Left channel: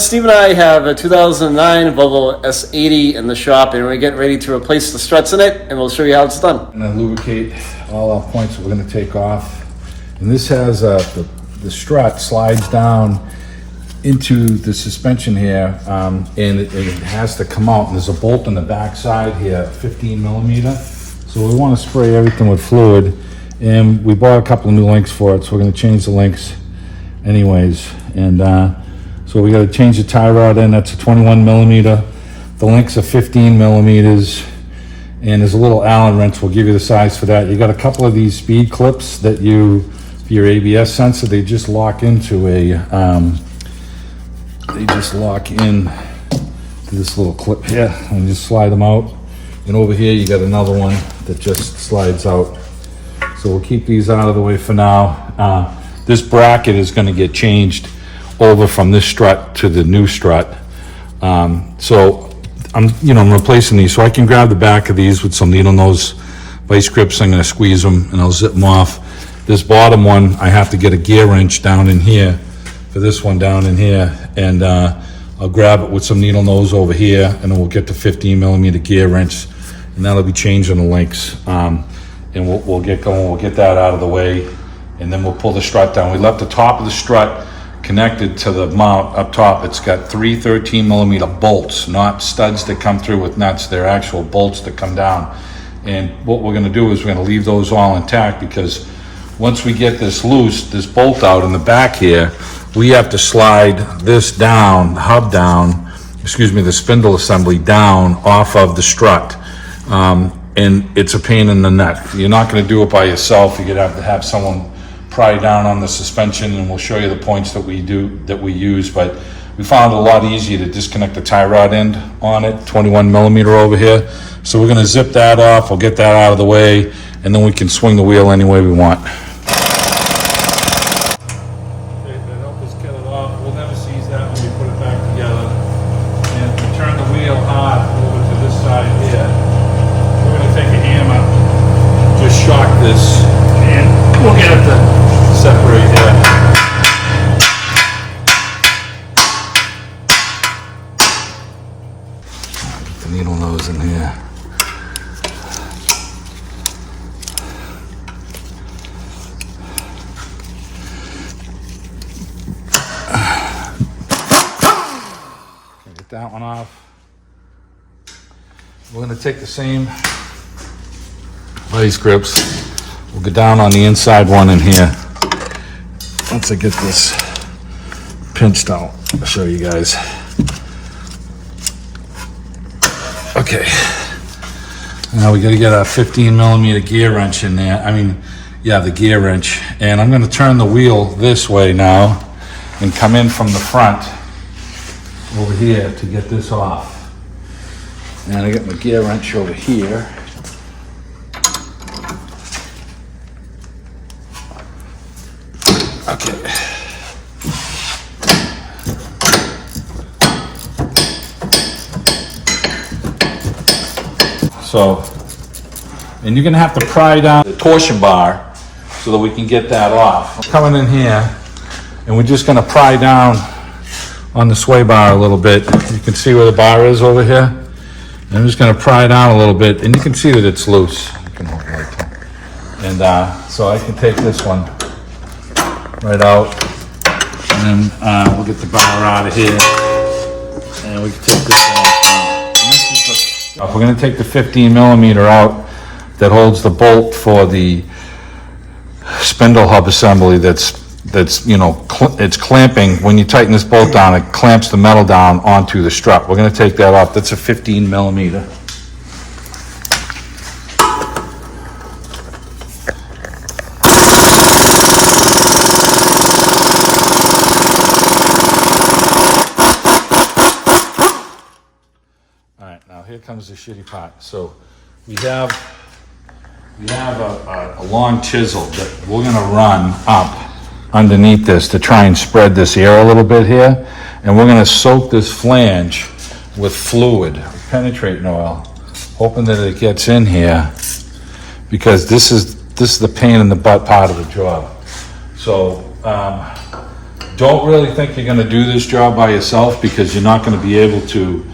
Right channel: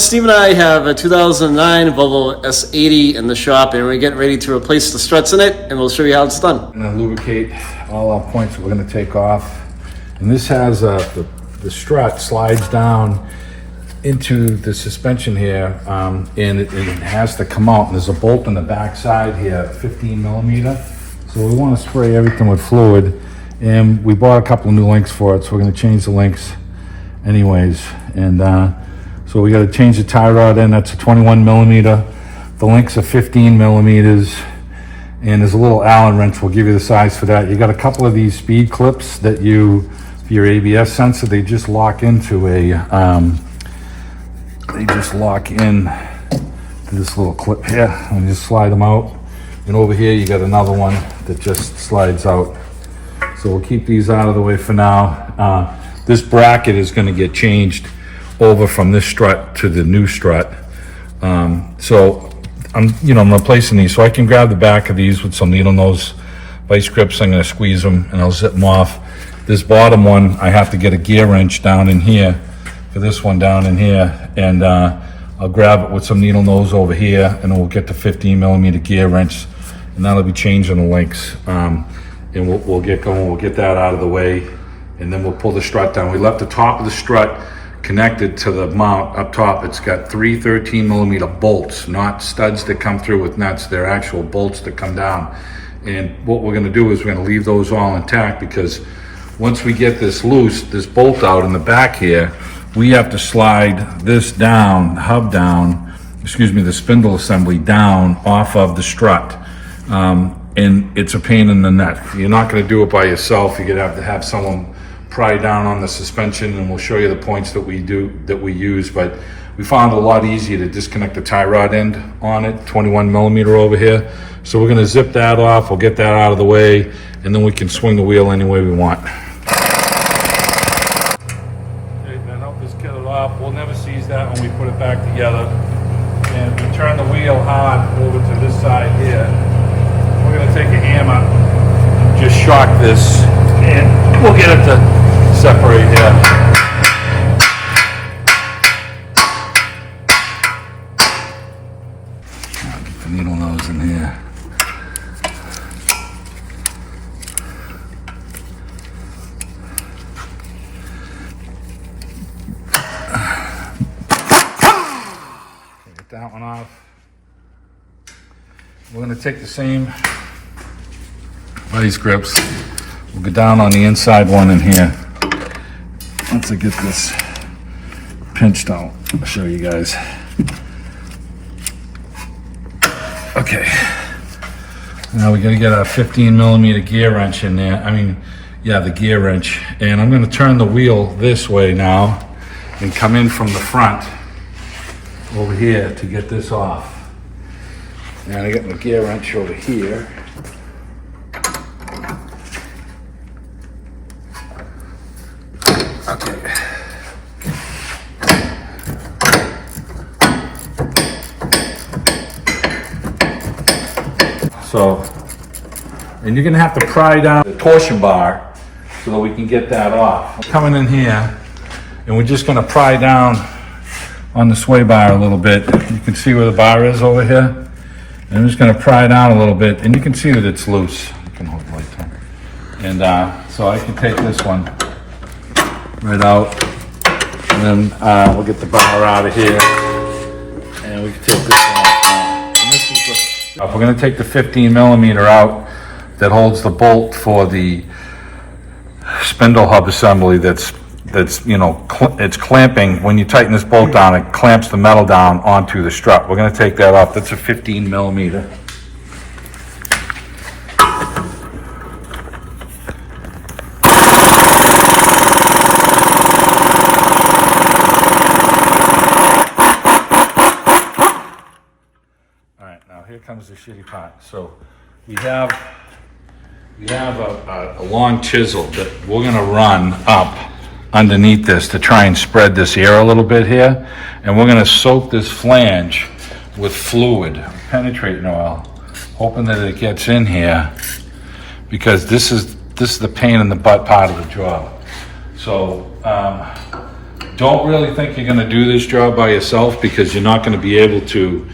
Steve and I have a 2009 Volvo S80 in the shop, and we're getting ready to replace the struts in it, and we'll show you how it's done. And then lubricate all our points that we're going to take off. And this has the strut slides down into the suspension here, and it has to come out. There's a bolt on the back side here, 15 millimeter. So we want to spray everything with fluid, and we bought a couple of new links for it, so we're going to change the links anyways. And so we got to change the tie rod in. That's a 21 millimeter. The links are 15 millimeters, and there's a little Allen wrench. We'll give you the size for that. You got a couple of these speed clips that for your ABS sensor, they just lock into they just lock in to this little clip here, and just slide them out. And over here you got another one that just slides out. So we'll keep these out of the way for now. This bracket is going to get changed over from this strut to the new strut. So I'm replacing these, so I can grab the back of these with some needle nose vice grips. I'm going to squeeze them and I'll zip them off. This bottom one, I have to get a gear wrench down in here for this one down in here, and I'll grab it with some needle nose over here, and we'll get the 15 millimeter gear wrench, and that'll be changing the links. And we'll get going. We'll get that out of the way, and then we'll pull the strut down. We left the top of the strut connected to the mount up top. It's got 3 13 millimeter bolts, not studs that come through with nuts. They're actual bolts that come down. And what we're going to do is we're going to leave those all intact, because once we get this loose, this bolt out in the back here, we have to slide this down, hub down, the spindle assembly down off of the strut. And it's a pain in the neck. You're not going to do it by yourself. You're going to have someone pry down on the suspension, and we'll show you the points that we use. But we found it a lot easier to disconnect the tie rod end on it, 21 millimeter over here. So we're going to zip that off. We'll get that out of the way, and then we can swing the wheel any way we want. Okay, that helped us get it off. We'll never seize that when we put it back together. And if we turn the wheel hard over to this side here, we're going to take a hammer, just shock this, and we'll get it to separate here. Get the needle nose in here. Get that one off. We're going to take the same vice grips. We'll go down on the inside one in here. Once I get this pinched out, I'll show you guys. Okay. Now we got to get our 15 millimeter gear wrench in there. The gear wrench. And I'm going to turn the wheel this way now and come in from the front over here to get this off. And I get my gear wrench over here. Okay. So, and you're gonna have to pry down the torsion bar so that we can get that off. Coming in here, and we're just gonna pry down on the sway bar a little bit. You can see where the bar is over here. And I'm just going to pry down a little bit, and you can see that it's loose. You can hold it right there. And so I can take this one right out, and then we'll get the bar out of here, and we can take this one out. And this is we're going to take the 15 millimeter out that holds the bolt for the spindle hub assembly. That's it's clamping. When you tighten this bolt down, it clamps the metal down onto the strut. We're going to take that off. That's a 15 millimeter. All right, now here comes the shitty part. So we have a long chisel that we're going to run up underneath this to try and spread this air a little bit here, and we're going to soak this flange with fluid, penetrating oil, hoping that it gets in here, because this is the pain in the butt part of the job. So don't really think you're gonna do this job by yourself because you're not gonna be able to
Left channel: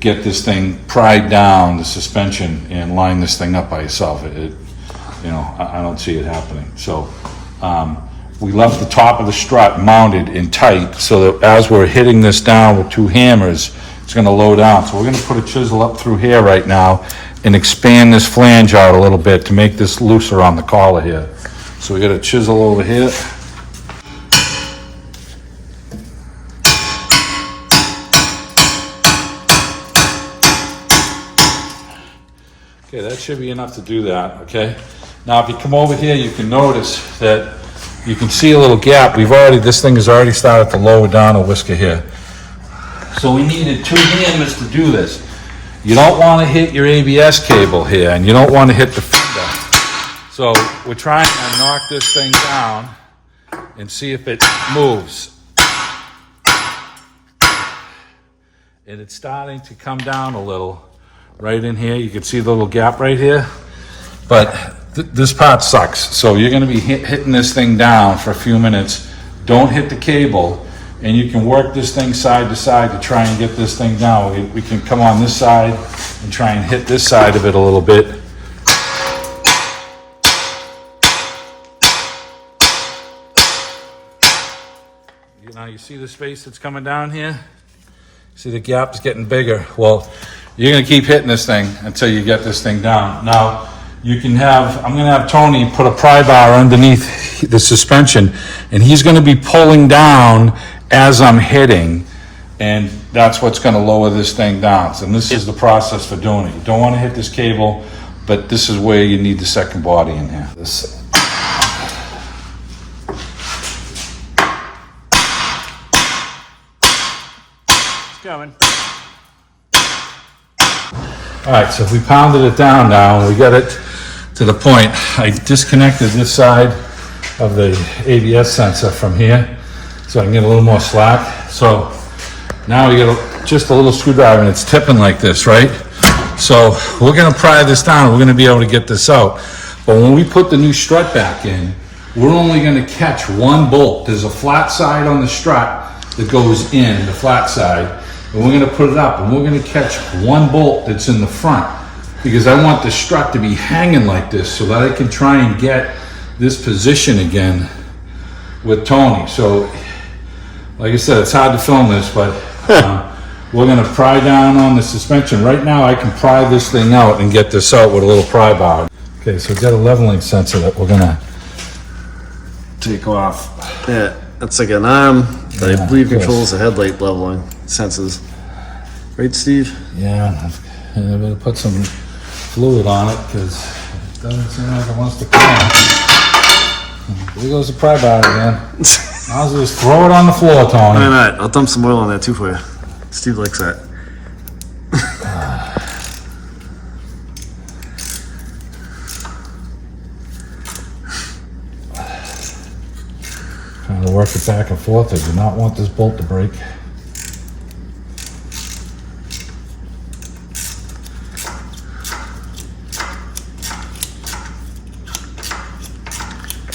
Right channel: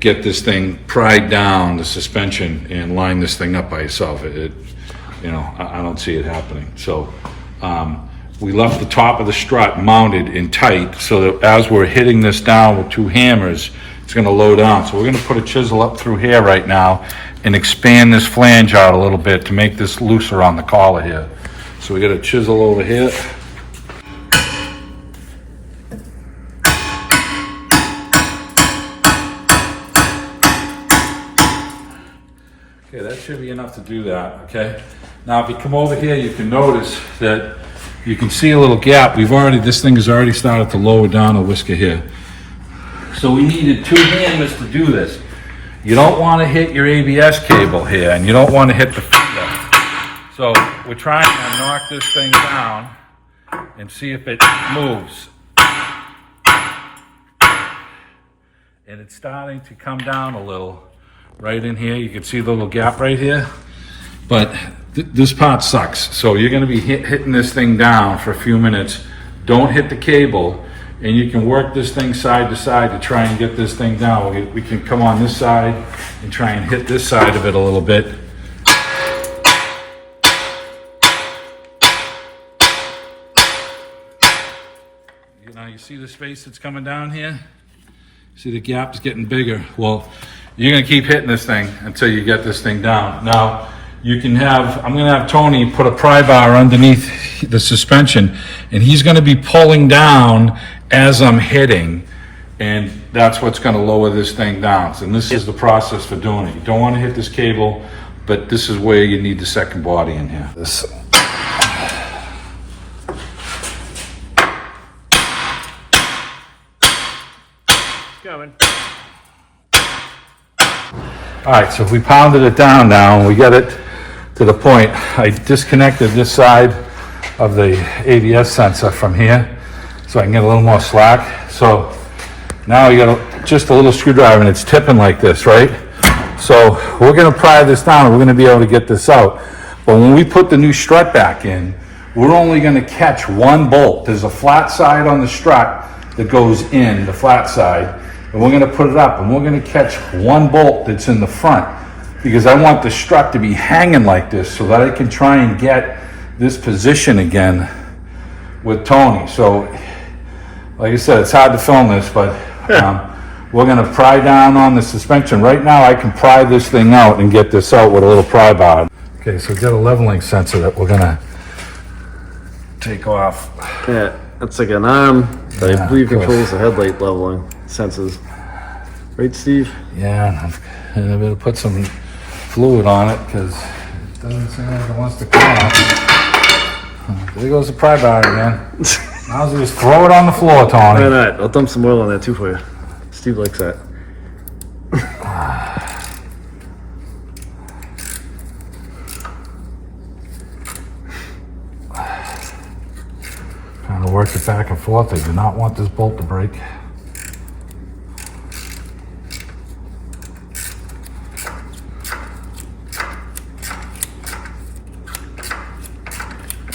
get this thing pried down, the suspension, and line this thing up by yourself. You know, I don't see it happening. So we left the top of the strut mounted in tight so that as we're hitting this down with 2 hammers, it's gonna low down. So we're gonna put a chisel up through here right now and expand this flange out a little bit to make this looser on the collar here. So we got a chisel over here. Okay, that should be enough to do that, okay? Now, if you come over here, you can notice that you can see a little gap. This thing has already started to lower down a whisker here. So we needed 2 hammers to do this. You don't want to hit your ABS cable here, and you don't want to hit the finger. So we're trying to knock this thing down and see if it moves. And it's starting to come down a little right in here. You can see the little gap right here. But this part sucks. So you're going to be hitting this thing down for a few minutes. Don't hit the cable. And you can work this thing side to side to try and get this thing down. We can come on this side and try and hit this side of it a little bit. You know, you see the space that's coming down here? See the gap's getting bigger. Well, you're gonna keep hitting this thing until you get this thing down. Now, I'm gonna have Tony put a pry bar underneath the suspension, and he's gonna be pulling down as I'm hitting, and that's what's gonna lower this thing down. So this is the process for doing it. You don't wanna hit this cable, but this is where you need the second body in here. It's coming. All right, so if we pounded it down now and we get it to the point, I disconnected this side of the ABS sensor from here so I can get a little more slack. So now you got just a little screwdriver and it's tipping like this, right? So we're gonna pry this down and we're gonna be able to get this out. But when we put the new strut back in, we're only gonna catch 1 bolt. There's a flat side on the strut that goes in, the flat side, and we're gonna put it up and we're gonna catch 1 bolt that's in the front because I want the strut to be hanging like this so that I can try and get this position again with Tony. So, like I said, it's hard to film this, but we're gonna pry down on the suspension. Right now, I can pry this thing out and get this out with a little pry bar. Okay, so we've got a leveling sensor that we're gonna take off. Yeah, that's like an arm that I believe controls the headlight leveling sensors. Right, Steve? Yeah, and I'm gonna put some fluid on it because it doesn't seem like it wants to come out. There goes the pry bar again. I'll just throw it on the floor, Tony. Why not? I'll dump some oil on there too for you. Steve likes that. Kind of work it back and forth. I do not want this bolt to break.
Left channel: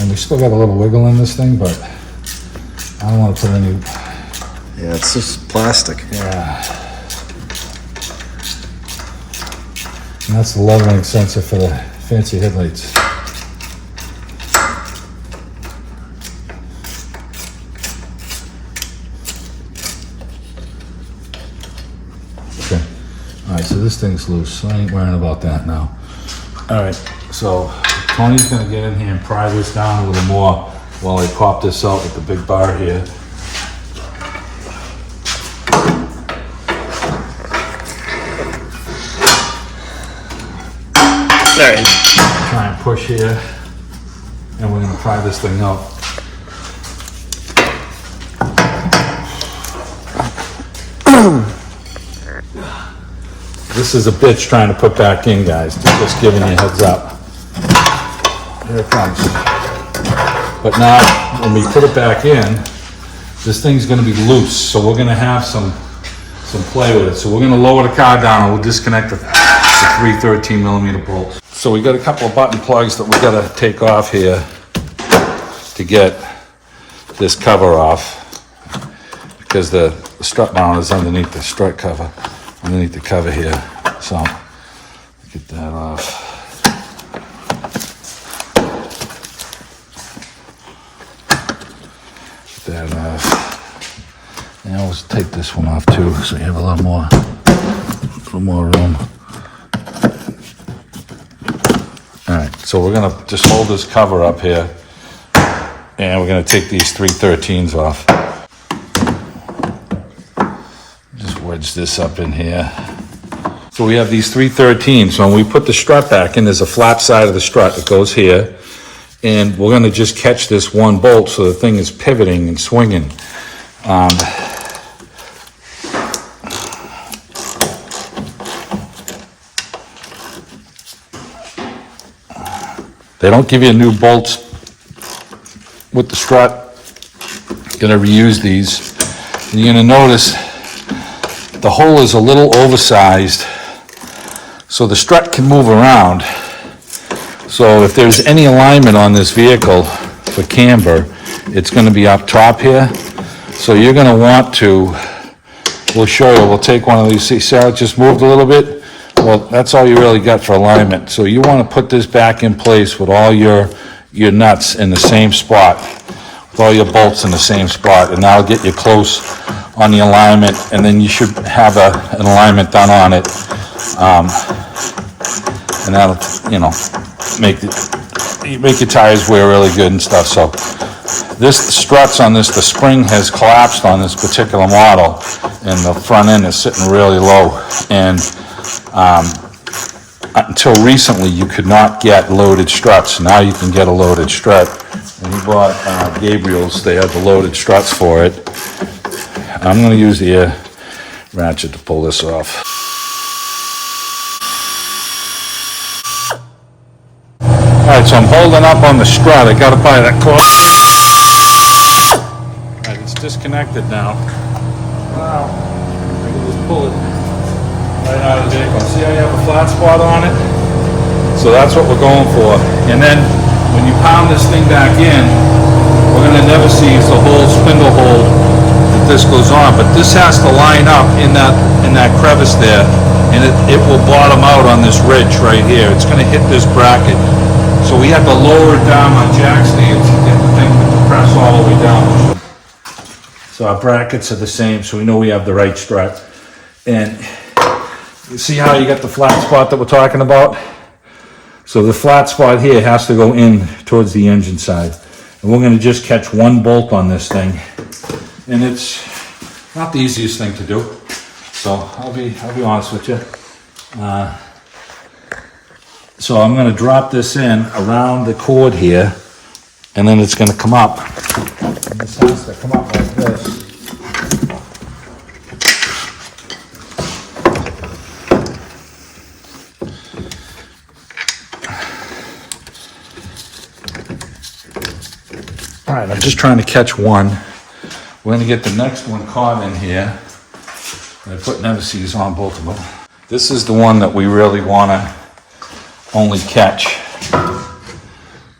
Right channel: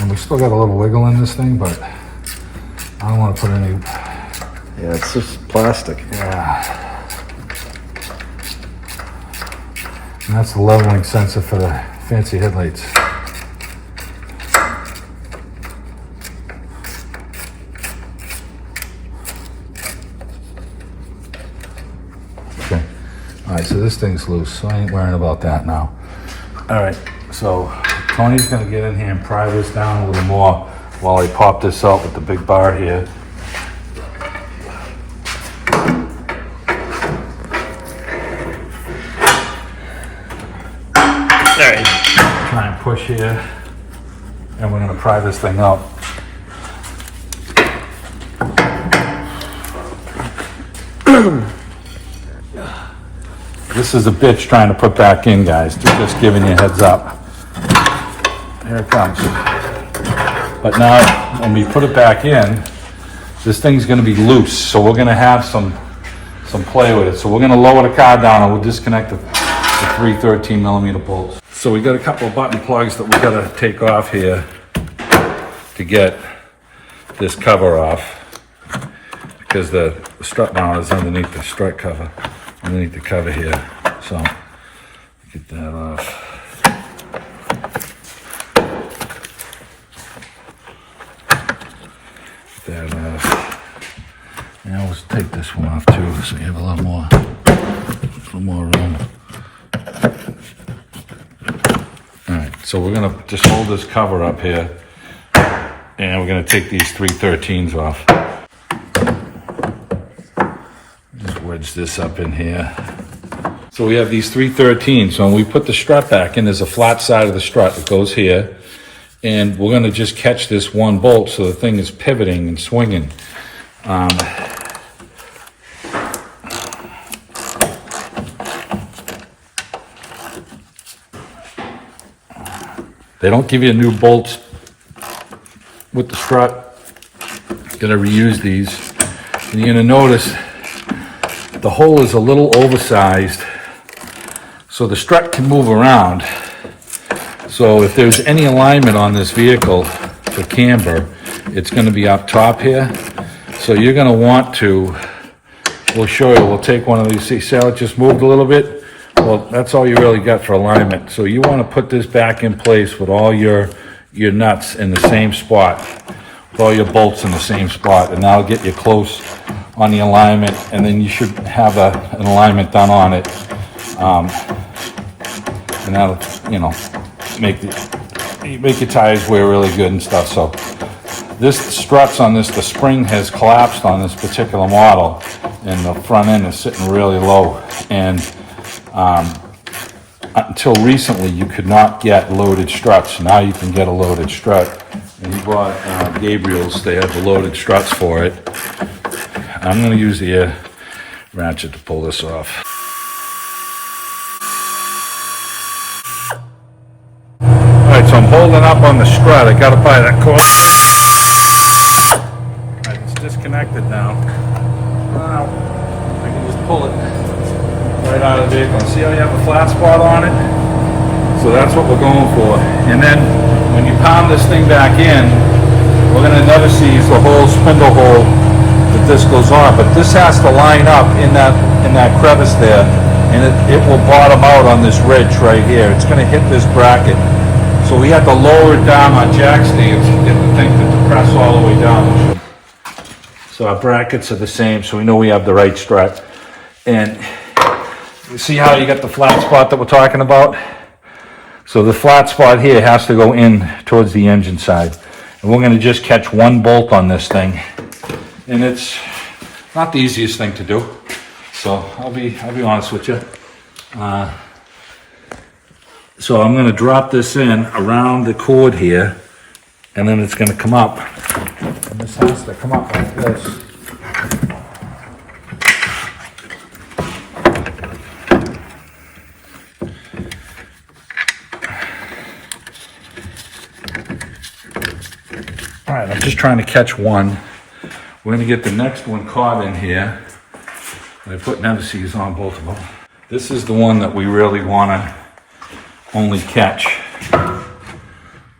And we still got a little wiggle in this thing, but I don't want to put any. Yeah, it's just plastic. Yeah. And that's the leveling sensor for the fancy headlights. Okay. All right, so this thing's loose, so I ain't worrying about that now. All right, so Tony's gonna get in here and pry this down a little more while I pop this out with the big bar here. All right. Try and push here, and we're gonna pry this thing up. This is a bitch trying to put back in, guys. Just giving you a heads up. Here it comes. But now, when we put it back in, this thing's gonna be loose, so we're gonna have some play with it. So we're gonna lower the car down and we'll disconnect the 3 13mm bolts. So we got a couple of button plugs that we gotta take off here to get this cover off because the strut mount is underneath the strut cover, underneath the cover here. So get that off. Get that off. And I'll take this one off too, so you have a little more room. All right, so we're gonna just hold this cover up here, and we're gonna take these 313s off. Just wedge this up in here. So we have these 313s. So when we put the strut back in, there's a flat side of the strut that goes here, and we're gonna just catch this one bolt so the thing is pivoting and swinging. They don't give you new bolts with the strut. You're gonna reuse these. And you're gonna notice the hole is a little oversized, so the strut can move around. So if there's any alignment on this vehicle for camber, it's gonna be up top here. So you're gonna want to, we'll show you, we'll take one of these. See, Sarah just moved a little bit. Well, that's all you really got for alignment. So you want to put this back in place with all your nuts in the same spot, with all your bolts in the same spot, and that'll get you close on the alignment, and then you should have an alignment done on it, and that'll, you know, make your tires wear really good and stuff. So this struts on this, the spring has collapsed on this particular model, and the front end is sitting really low, and until recently you could not get loaded struts. Now you can get a loaded strut. When you bought Gabriel's, they have the loaded struts for it. I'm going to use the air ratchet to pull this off. Alright, so I'm holding up on the strut. I got to buy that cord. Alright, it's disconnected now. Wow. I can just pull it right out of the vehicle. See how you have a flat spot on it? So that's what we're going for. And then when you pound this thing back in, we're going to never seize the whole spindle hole that this goes on. But this has to line up in that crevice there, and it will bottom out on this ridge right here. It's going to hit this bracket. So we have to lower it down on jack stands to get the thing to depress all the way down. So our brackets are the same, so we know we have the right strut. And you see how you got the flat spot that we're talking about? So the flat spot here has to go in towards the engine side. And we're gonna just catch one bolt on this thing. And it's not the easiest thing to do. So I'll be honest with you. So I'm gonna drop this in around the cord here, and then it's gonna come up. And this has to come up like this. All right, I'm just trying to catch one. We're gonna get the next one caught in here. I put never-sees on both of them. This is the one that we really wanna only catch.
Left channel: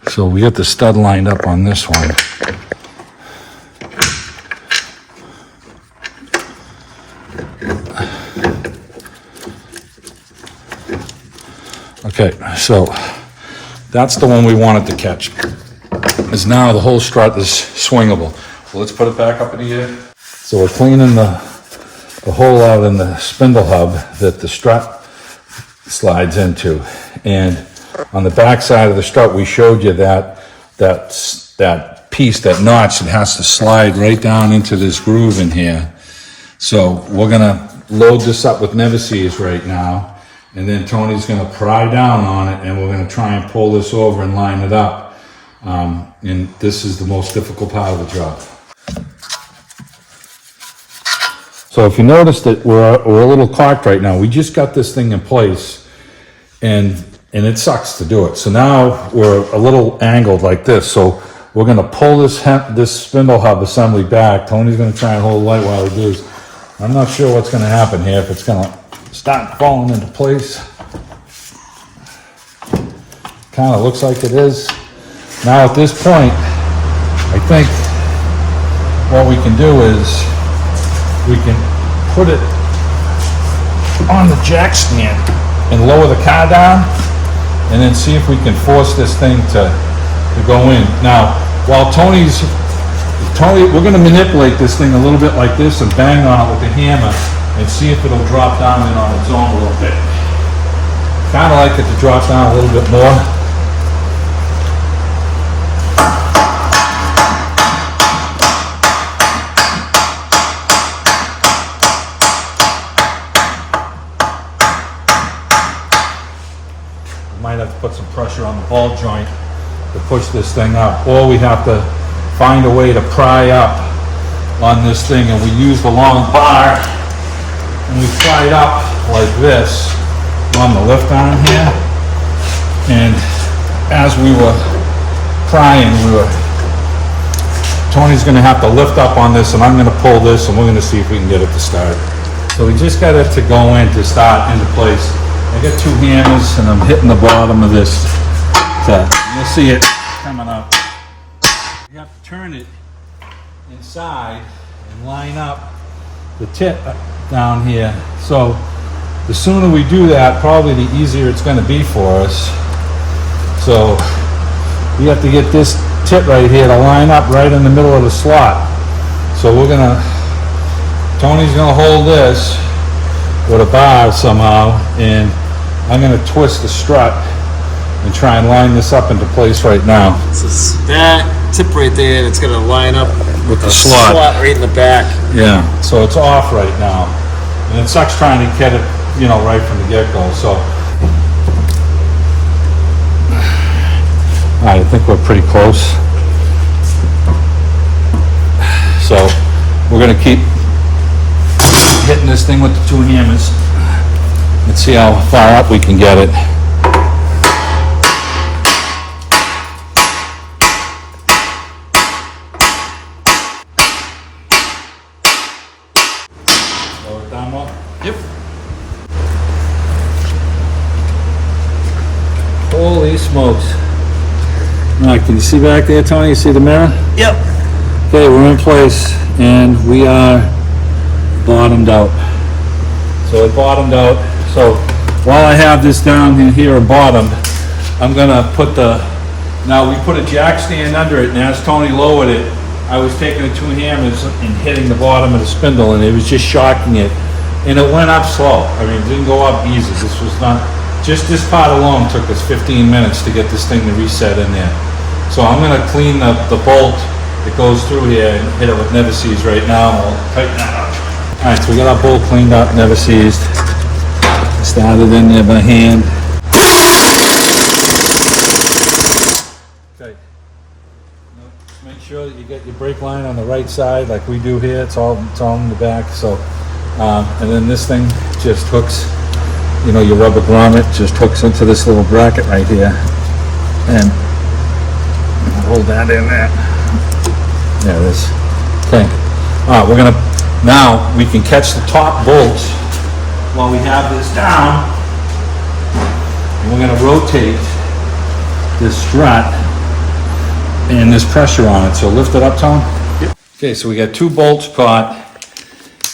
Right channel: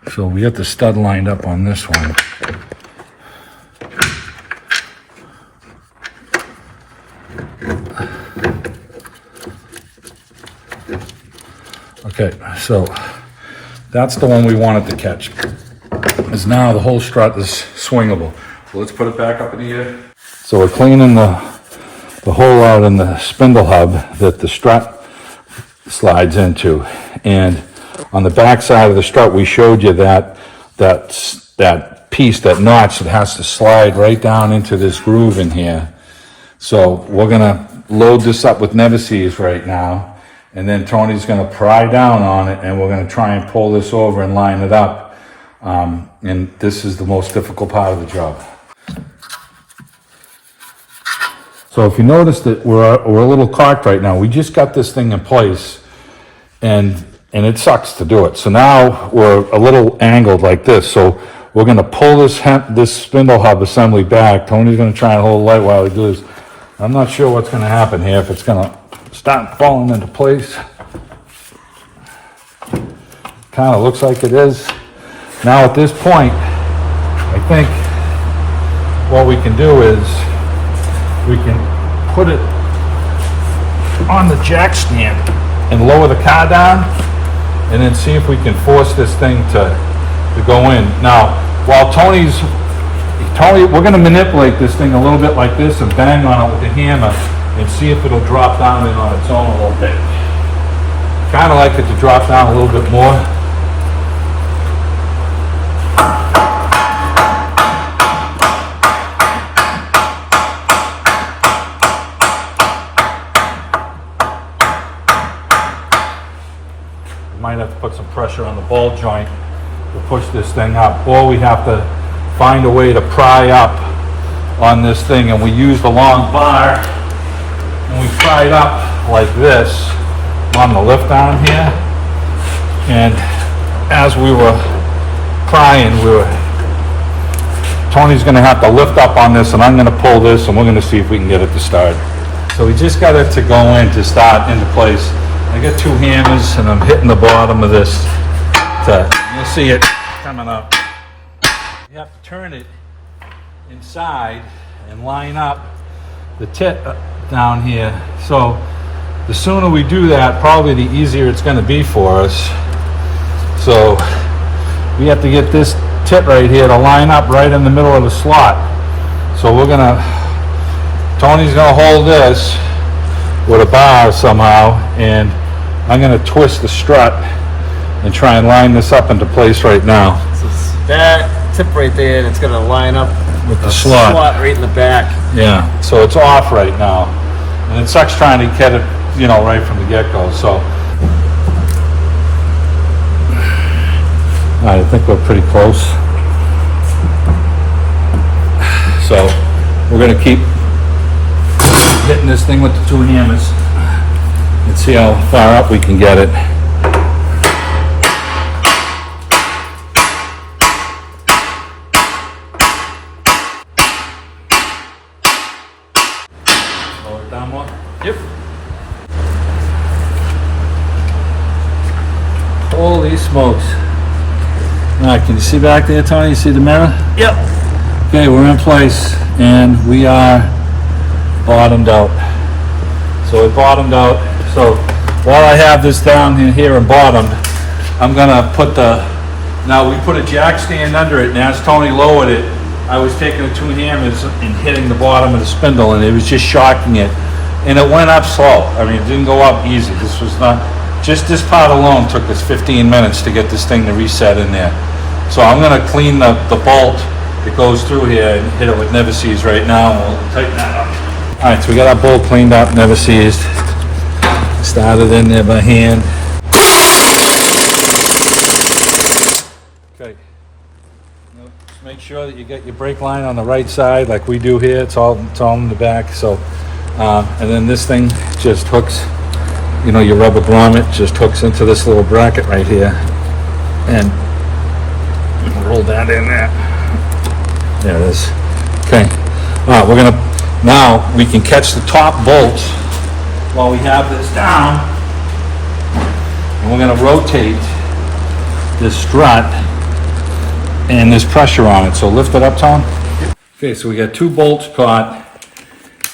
So we got the stud lined up on this one. Okay, so that's the one we wanted to catch. Is now the whole strut is swingable. So let's put it back up in the air. So we're cleaning the hole out in the spindle hub that the strut slides into. And on the back side of the strut, we showed you that piece, that notch, that has to slide right down into this groove in here. So we're gonna load this up with never-sees right now. And then Tony's gonna pry down on it, and we're gonna try and pull this over and line it up. And this is the most difficult part of the job. So if you notice that we're a little cocked right now, we just got this thing in place, and it sucks to do it. So now we're a little angled like this. So we're gonna pull this spindle hub assembly back. Tony's gonna try and hold light while he does. I'm not sure what's gonna happen here, if it's gonna start falling into place. Kind of looks like it is. Now at this point, I think what we can do is we can put it on the jack stand and lower the car down, and then see if we can force this thing to go in. Now, while Tony, we're gonna manipulate this thing a little bit like this and bang on it with the hammer and see if it'll drop down in on its own a little bit. Kinda like it to drop down a little bit more. Might have to put some pressure on the ball joint to push this thing up, or we have to find a way to pry up on this thing, and we use the long bar and we pry it up like this on the lift arm here. And as we were prying, Tony's gonna have to lift up on this, and I'm gonna pull this, and we're gonna see if we can get it to start. So we just got it to go in, to start into place. I got 2 hammers and I'm hitting the bottom of this. You see it coming up. You have to turn it inside and line up the tip down here. So the sooner we do that, probably the easier it's going to be for us. So we have to get this tip right here to line up right in the middle of the slot. So Tony's gonna hold this with a bar somehow, and I'm going to twist the strut and try and line this up into place right now. So it's that tip right there, it's gonna line up With the slot. right in the back. Yeah, so it's off right now. And it sucks trying to get it, right from the get-go, so. All right, I think we're pretty close. So we're going to keep hitting this thing with the 2 hammers. Let's see how far up we can get it. Lower it down more? Yep. Holy smokes. All right, can you see back there, Tony? You see the mirror? Yep. Okay, we're in place, and we are bottomed out. So it bottomed out. So while I have this down here and bottomed, I'm gonna put now we put a jack stand under it, and as Tony lowered it, I was taking the 2 hammers and hitting the bottom of the spindle, and it was just shocking it. And it went up slow. I mean, it didn't go up easy. This was not, just this part alone took us 15 minutes to get this thing to reset in there. So I'm gonna clean the bolt that goes through here and hit it with never seized right now, and we'll tighten that up. All right, so we got our bolt cleaned up, never seized. Started in there by hand. Okay. Just make sure that you get your brake line on the right side, like we do here. It's all in the back. So, and then this thing just hooks. Your rubber grommet just hooks into this little bracket right here, and roll that in there. There it is. Okay. Now we can catch the top bolts while we have this down, and we're going to rotate this strut, and there's pressure on it. So lift it up, Tom. Yep. Okay, so we got 2 bolts caught,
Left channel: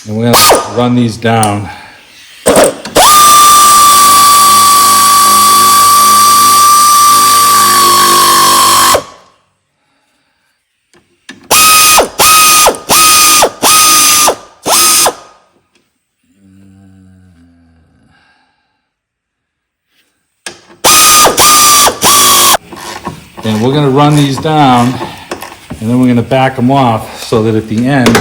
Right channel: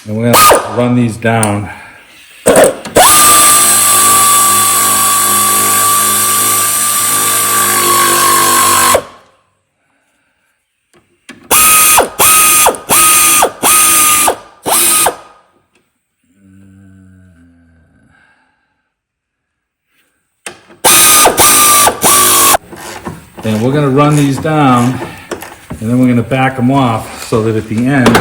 and we're going to run these down. And we're going to run these down, and then we're going to back them off so that at the end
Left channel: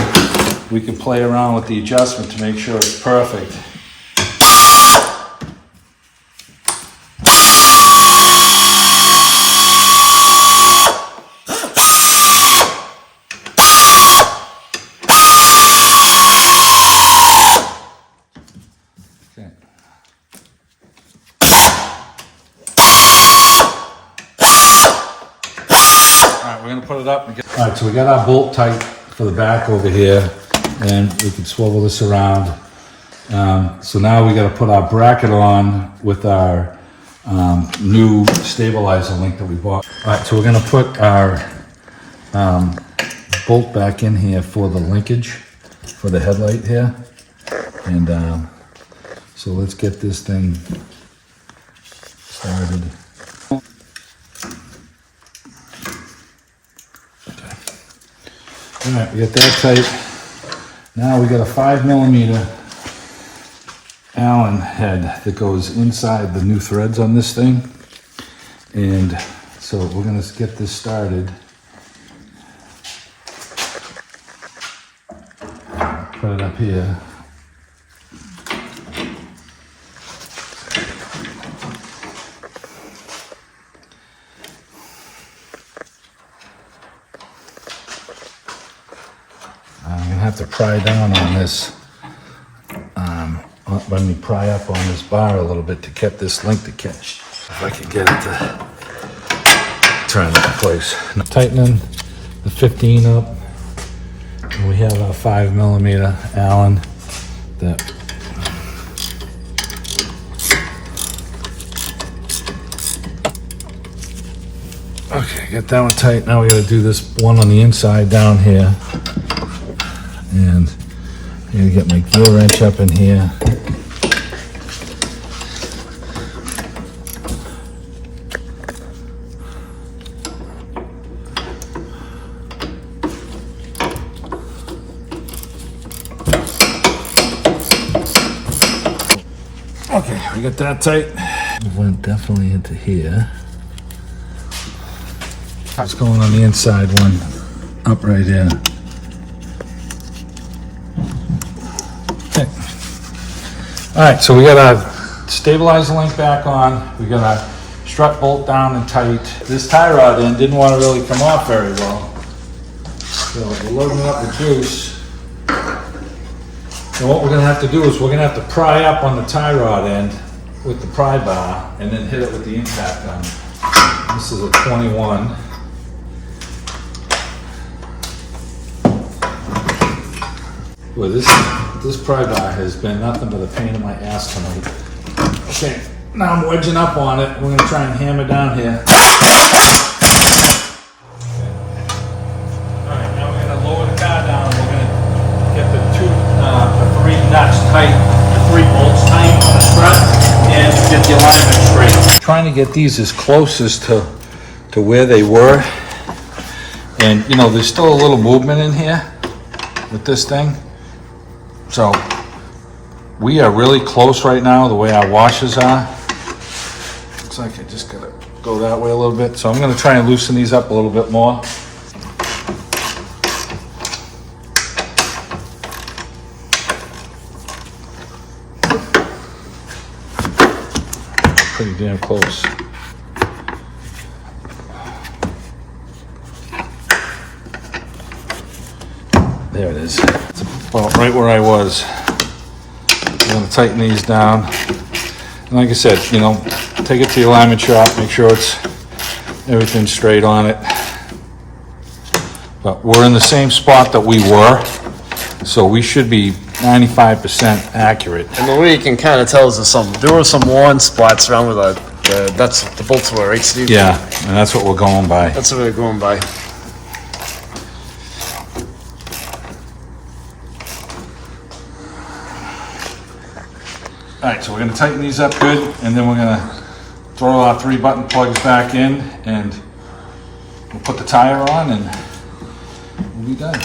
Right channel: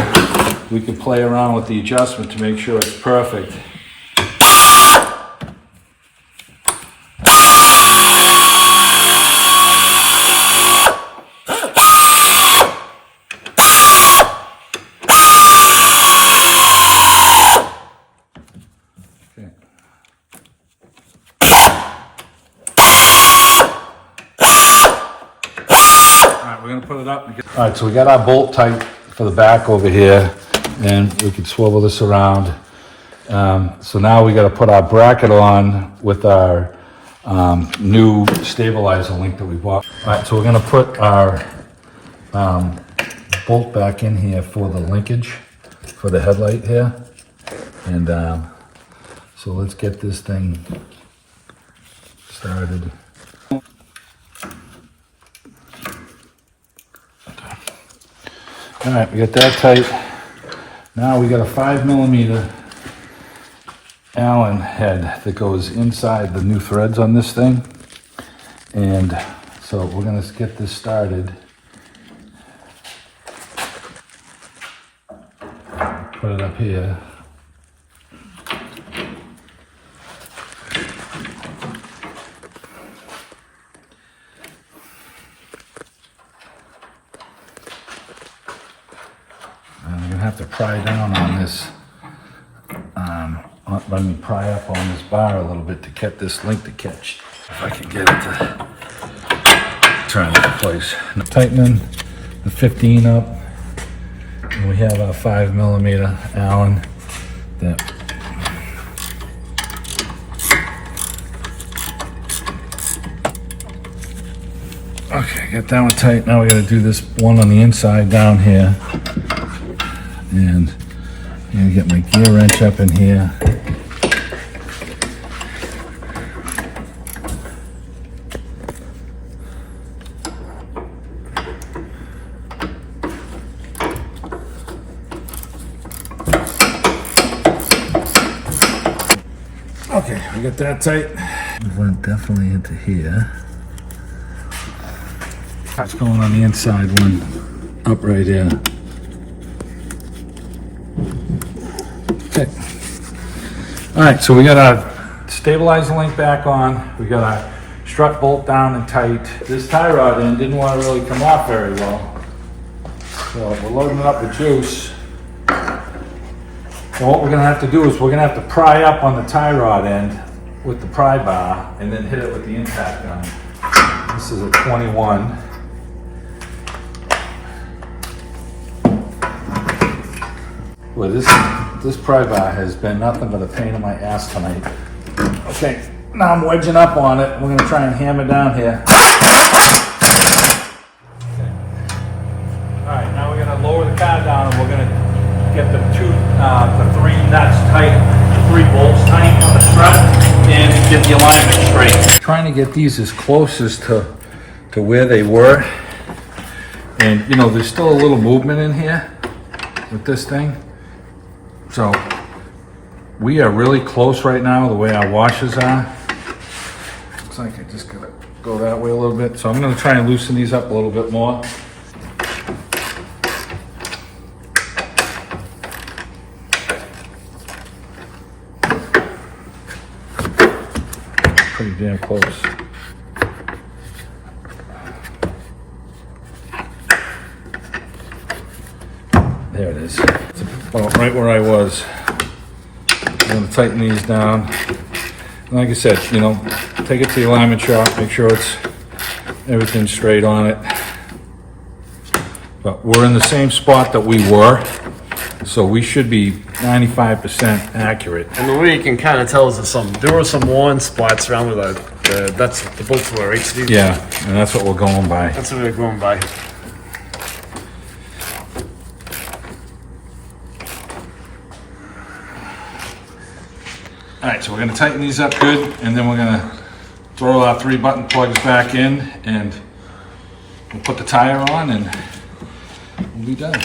we can play around with the adjustment to make sure it's perfect. We're going to put it up and get... All right, so we got our bolt tight for the back over here, and we can swivel this around. So now we got to put our bracket on with our new stabilizer link that we bought. All right, so we're going to put our bolt back in here for the linkage for the headlight here. And so let's get this thing started. All right, we got that tight. Now we got a 5mm Allen head that goes inside the new threads on this thing. And so we're gonna get this started. Put it up here. I'm gonna have to pry down on this. Let me pry up on this bar a little bit to get this link to catch. If I can get it to turn into place. Now, tightening the 15 up. And we have a 5mm Allen that okay, get that one tight. Now we gotta do this one on the inside down here. And I gotta get my gear wrench up in here. Okay, we got that tight. We went definitely into here. What's going on the inside one? Up right here. Okay. All right, so we gotta stabilize the link back on. We gotta strut bolt down and tight. This tie rod end didn't want to really come off very well. So we're loading it up with juice. And what we're gonna have to do is we're gonna have to pry up on the tie rod end with the pry bar and then hit it with the impact gun. This is a 21. Well, this pry bar has been nothing but a pain in my ass tonight. Okay, now I'm wedging up on it. We're gonna try and hammer down here. Okay. All right, now we're gonna lower the car down and we're gonna get the 3 nuts tight, the 3 bolts tight on the strut, and get the alignment straight. Trying to get these as close as to where they were. And you know, there's still a little movement in here with this thing. So we are really close right now, the way our washers are. Looks like I just gotta go that way a little bit. So I'm gonna try and loosen these up a little bit more. Pretty damn close. There it is. It's about right where I was. I'm gonna tighten these down. And like I said, you know, take it to your alignment shop, make sure everything's straight on it. But we're in the same spot that we were, so we should be 95% accurate. And the way you can kind of tell is there were some worn spots around where the bolts were, right, Steve? Yeah, and that's what we're going by. That's what we're going by. All right, so we're gonna tighten these up good, and then we're gonna throw our 3 button plugs back in, and we'll put the tire on, and we'll be done.